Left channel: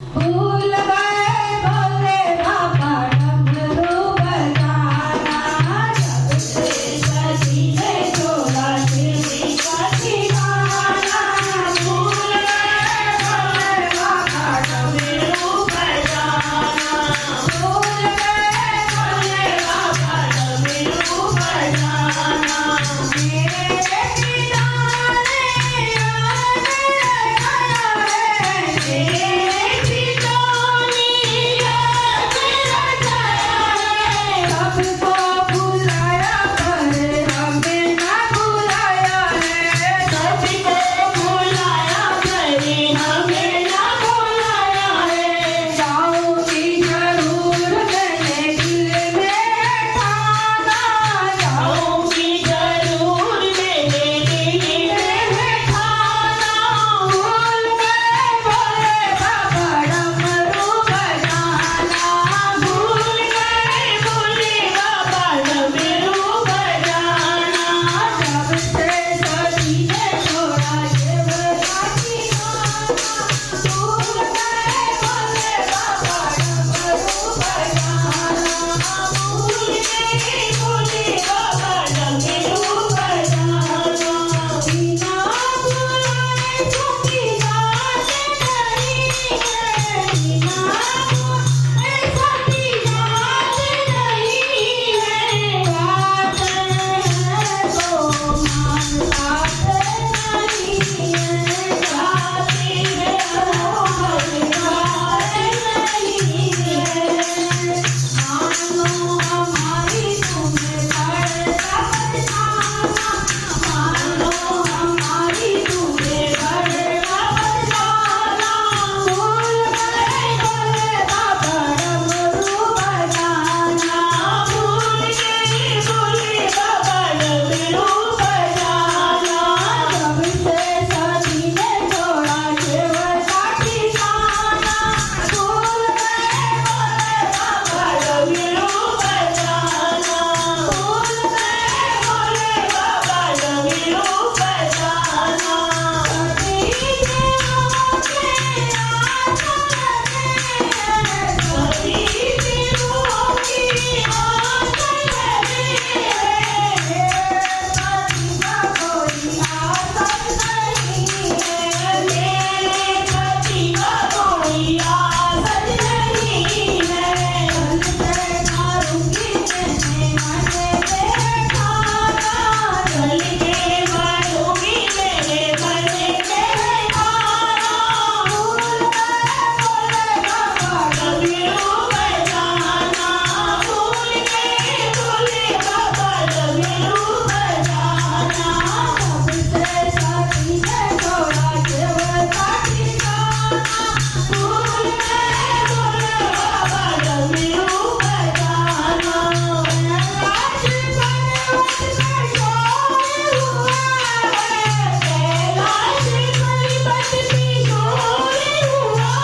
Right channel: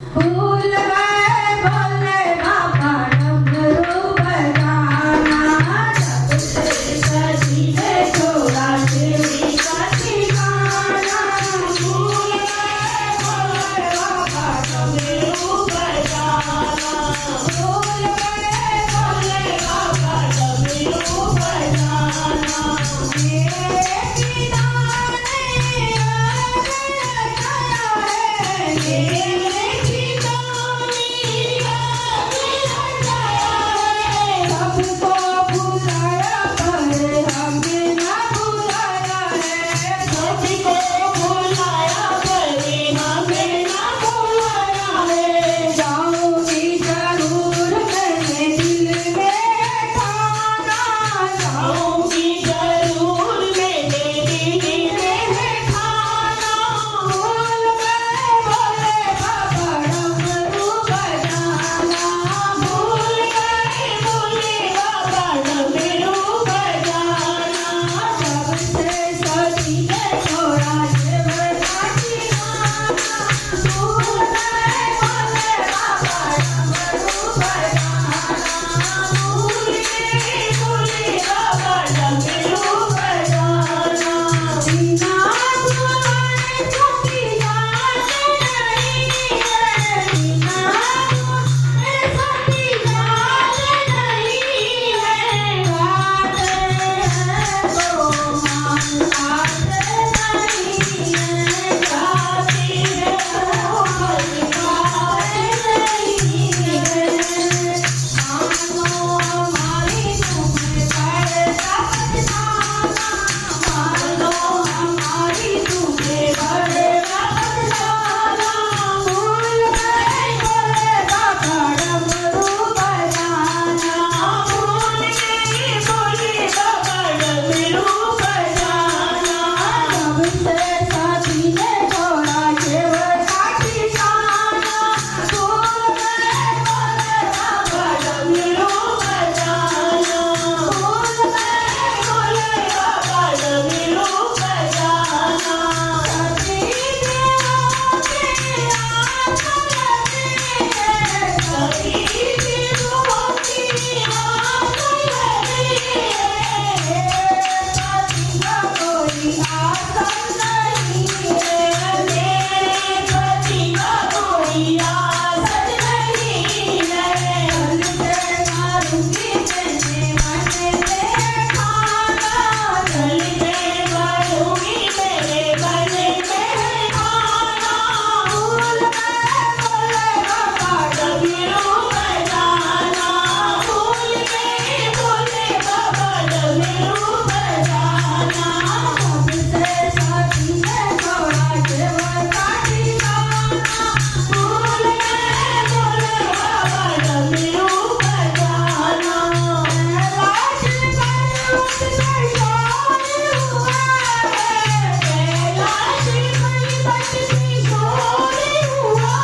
भूल गए भोले बाबा डमरू बजाना, जब से सजी ने छोड़ा तेरी का ठिकाना। भूल गए भोले बाबा डमरू बजाना, भूल गए भोले बाबा डमरू बजाना। मेरे पिता ने याद रखा है, मेरे पिता ने याद रखा है। सबको बुलाया पर हमें न बुलाया है, सबको बुलाया पर हमें न बुलाया है। जाऊंगी जरूर मैंने दिल में ठाना, जाऊंगी जरूर मैंने दिल में ठाना। भूल गए भोले बाबा डमरू बजाना, भूल गए भोले बाबा डमरू बजाना। जब से सजी ने छोड़ा शिव का ठिकाना, भूल गए भोले बाबा डमरू बजाना, भूल गए भोले बाबा डमरू बजाना। बिना बुलाए तुम्हें याद नहीं है, बिना बुलाए तुम्हें याद नहीं है। बात है तो मान बात नहीं है, जाती है हमारी बात नहीं है। मानो हमारी तुम्हें बड़ा बदनाना, मानो हमारी तुम्हें बड़ा बदनाना। भूल गए भोले बाबा डमरू बजाना, भूल गए भोले बाबा डमरू बजाना। जब से सजी ने छोड़ा शिव का ठिकाना, भूल गए भोले बाबा डमरू बजाना, भूल गए भोले बाबा डमरू बजाना। सभी दिलों के आंख लगे हैं, सभी दिलों की आंख लगे हैं। पति का कोई आसन नहीं है, मेरे पति का कोई आसन नहीं है। मन से मारूंगी मैंने मन में ठाना, जल के मारूंगी मेरे मन में ठाना। भूल गए भोले बाबा डमरू बजाना, भूल गए भोले बाबा डमरू बजाना। जब से सजी ने छोड़ा शिव का ठिकाना, भूल गए भोले बाबा डमरू बजाना। कैलाश पर्वत पे शोर हुआ है, कैलाश पर्वत पे शोर हुआ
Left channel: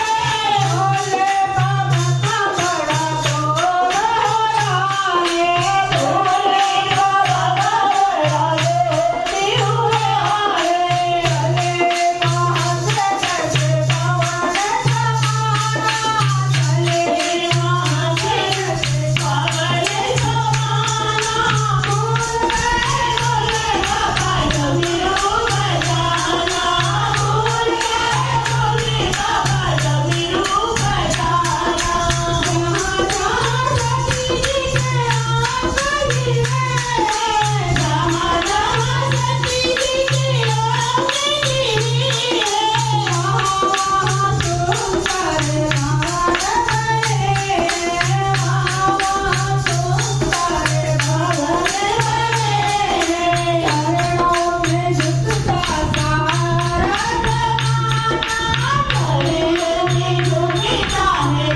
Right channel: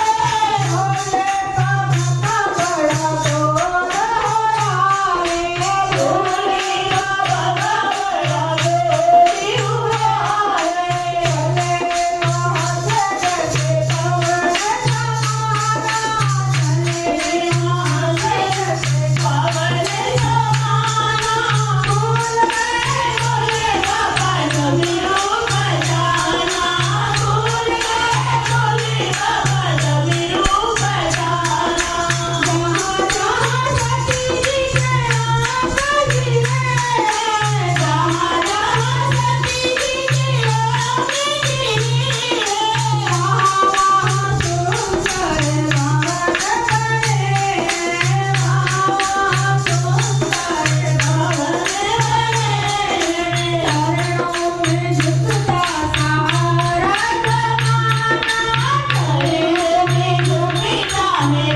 है। भोले बाबा का बड़ा शोर हो रहा है, भोले बाबा का बड़ा शोर हुआ है। चले कहाँ से जैसे पवन समाना, चले कहाँ से जैसे पवन समाना। भूल गए भोले बाबा डमरू बजाना, भूल गए भोले बाबा डमरू बजाना। जहाँ जहाँ सती जी के आँख गिरे, जहाँ जहाँ सती जी के आँख गिरी है, वहाँ वहाँ सुंदर भवन बने हैं, वहाँ वहाँ सुंदर भवन बने हैं। चरणों में झुकता सारा जमाना, गले में झुमता है